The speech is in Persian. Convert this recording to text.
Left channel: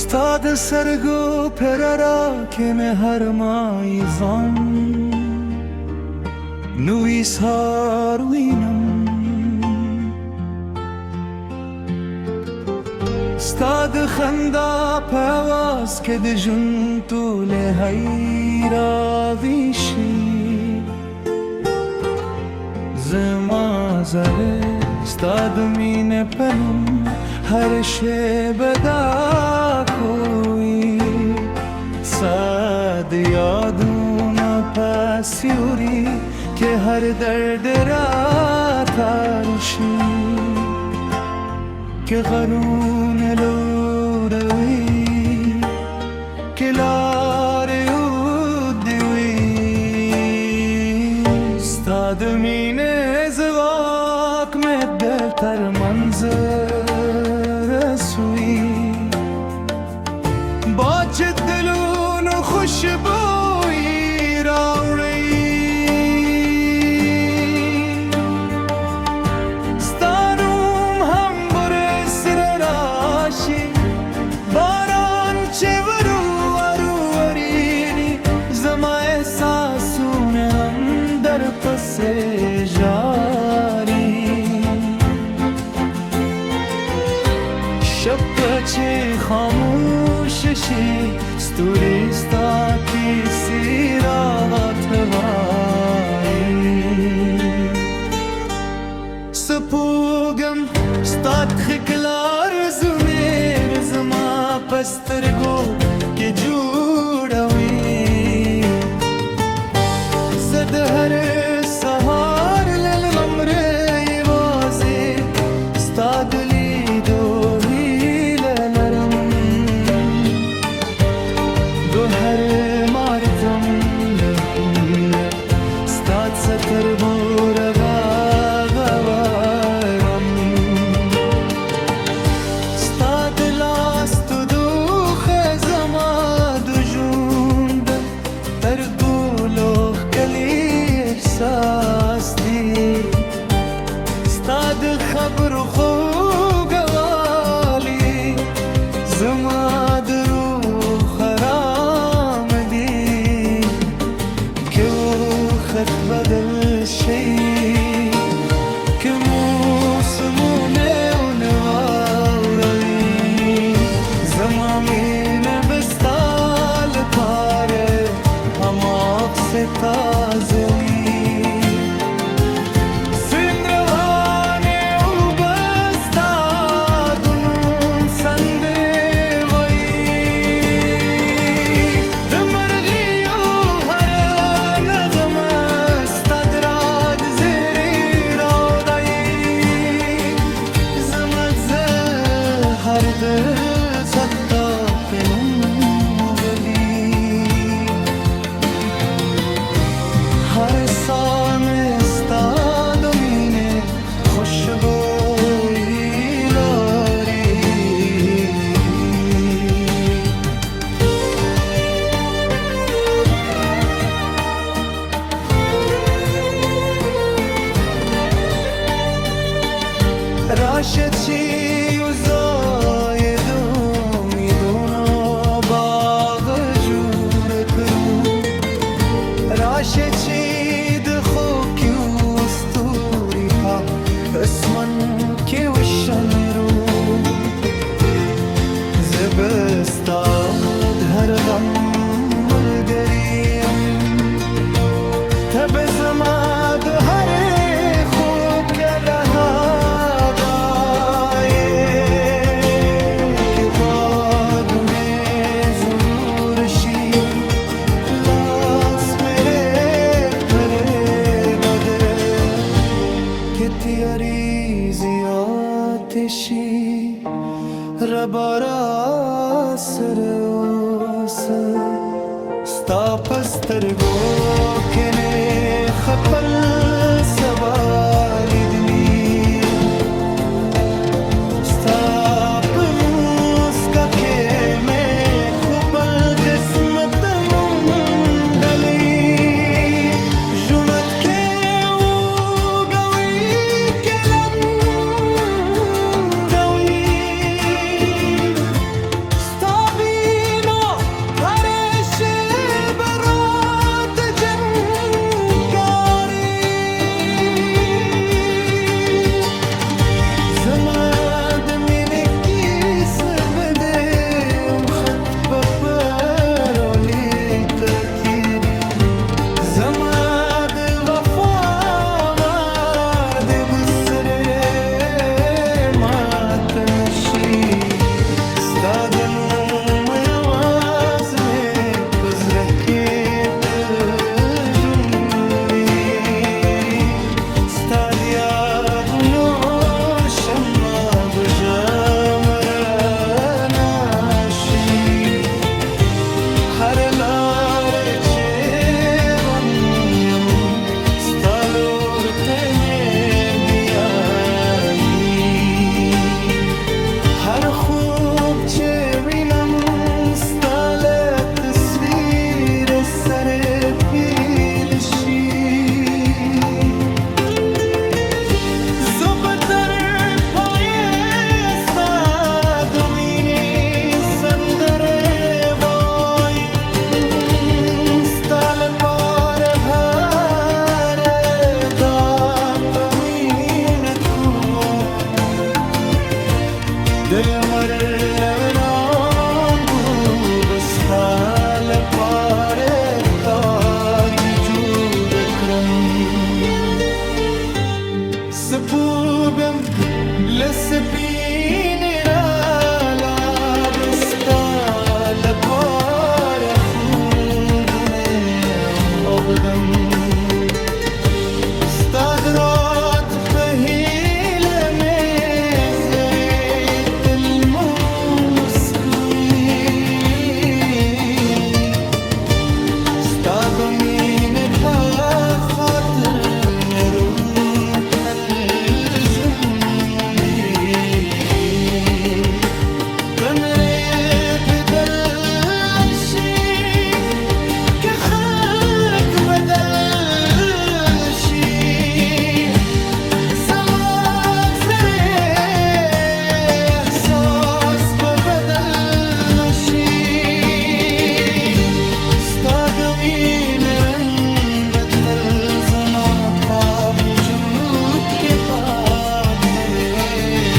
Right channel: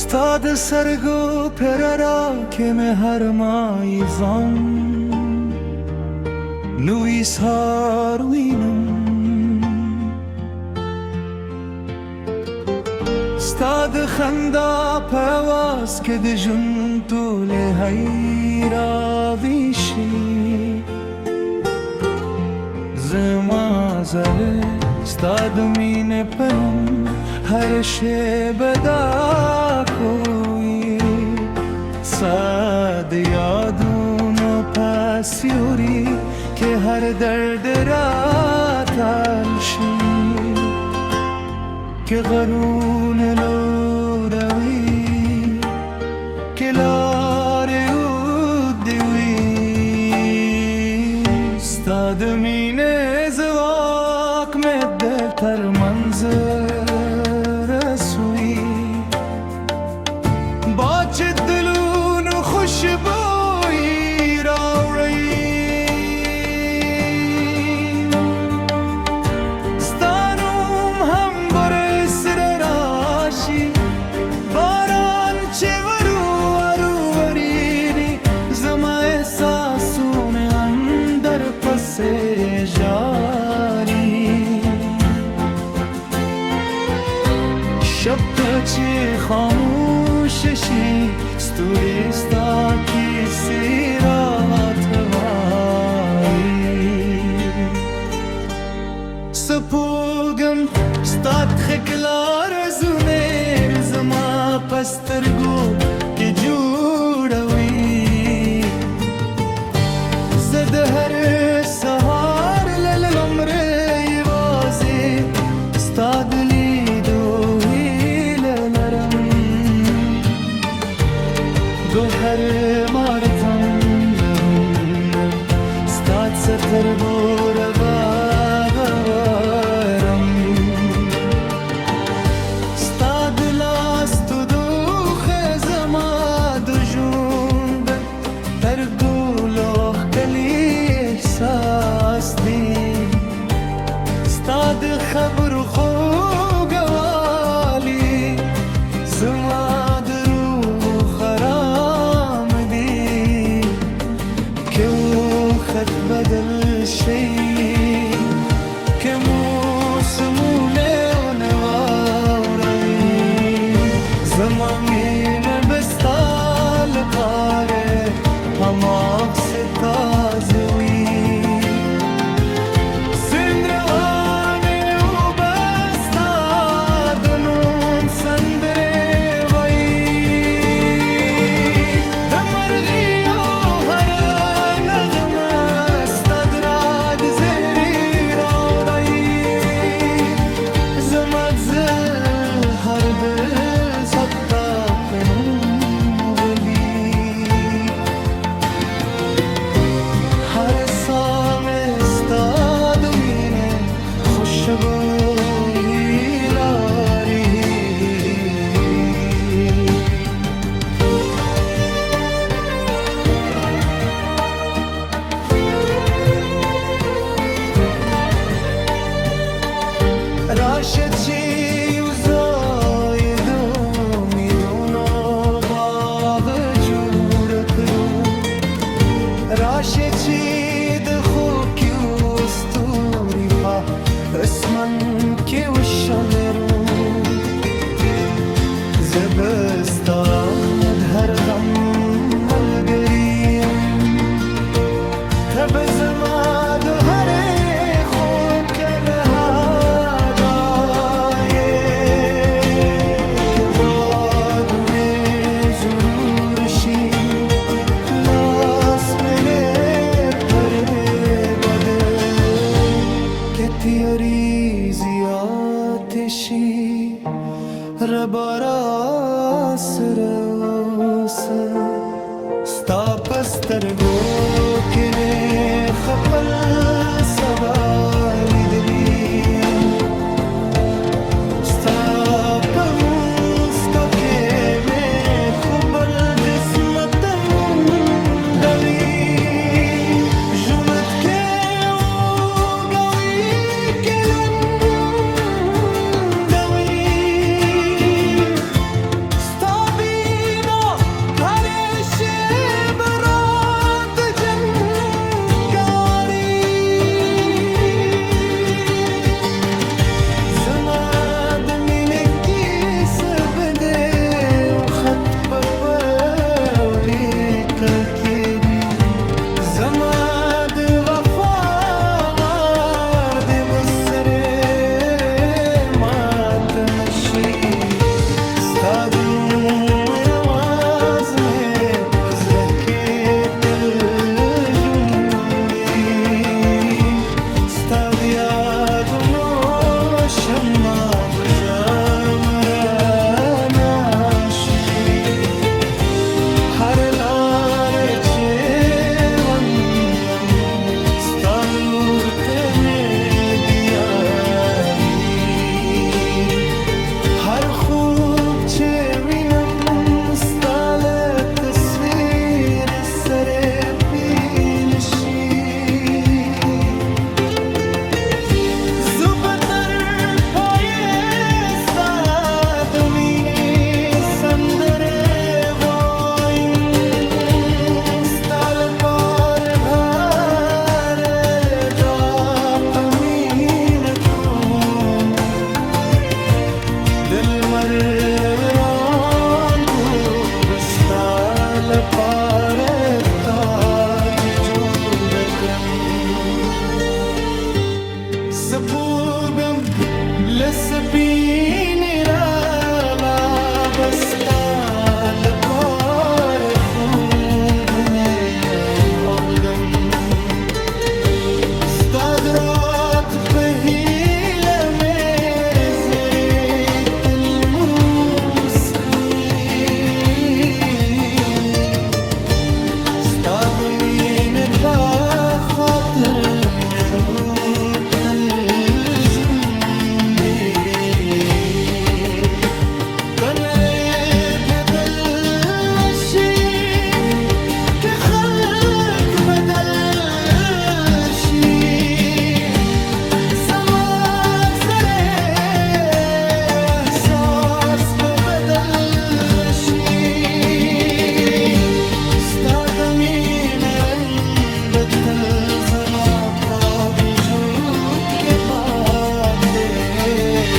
ستا د سترګو په رڼا کې مې هر ماښام نوی سهار وینم. ستا د خندا په اواز کې د ژوند ټولې راویښي. زما زړه ستا د مینې په نوم هر شیبه ډک وي. ستا د یادونو په سیوري کې هر درد راتل شي. که غرونه لوروي که لارې اوږدې وي. ستا د مینې ځواک مې دل تر منځه رسوي. باد چې دلونو خوشبويي راوړي. باران چې وریږي زما احساسونه هم در پسې ژاړي. شب چې خاموش شي ستوري ستا کیسې راته وایي. سپوږم ستا ښکلا رزونه زما په سترګو کې جوړوي. زه د هر سهار له لمره یوازې ستا د لیدو هیله لرم. ګوهر مارتم لهونه ستا څه تر موره باغوارم. احساس دی ستا د خبرو خوږوالی زما د روح آرام دی. که وخت بدل شي که موسمونه ونه واوروي زما مینه به ستا لپاره هماغسې تازه وي. سیند روانې اوبه ستا د نوم سندرې وایي. د مرغیو هره نغمه ستا د رات زیري راوړي. زما زهر د ستا په نوم هر ساه میں ستا د مینې خوشبويي لري. راشه چې یو ځای د امیدونو باغ جوړ کړو. راشه چې د خوب کې ستوري په اسمان کې وشمېرو. زه به ستا د هر غم ملګری یم. ته به زما د هرې خوږه هدایې. که بادونه ضرور شي که تیاری زیاد شي ربا راسره اوسه. ستا په سترګو کې مې خپل سبا لیدلي. ستا په موسکا کې مې خو بل قسمت موندلی. ژوند کې stop ستادنو आवाज में पज रह के दिल जुमरी ستاد यादुनो शम्मा बुझा मरा नाशी हर लारे चेवन्यम स्तालूर तेने बियाई हर खूब चेविनम स्ताले तस्वीर सरे पीलशी زبدر پایه استادمینی سندره وایم ستال پار باره داپمین کن دل مرلوران کو بستال پار تاج جود کرم سپوبم لسپین رالا بستال کار خوبونه آبدم ستادرات پهیل مزرت الموسکوی ستادمین با خاطر نرو الجندي كان ريب بدل الشي كيف خلق بدل شي سمعت فري احساس ببدل نشي استادمين رن بتل زما باوجود के बात में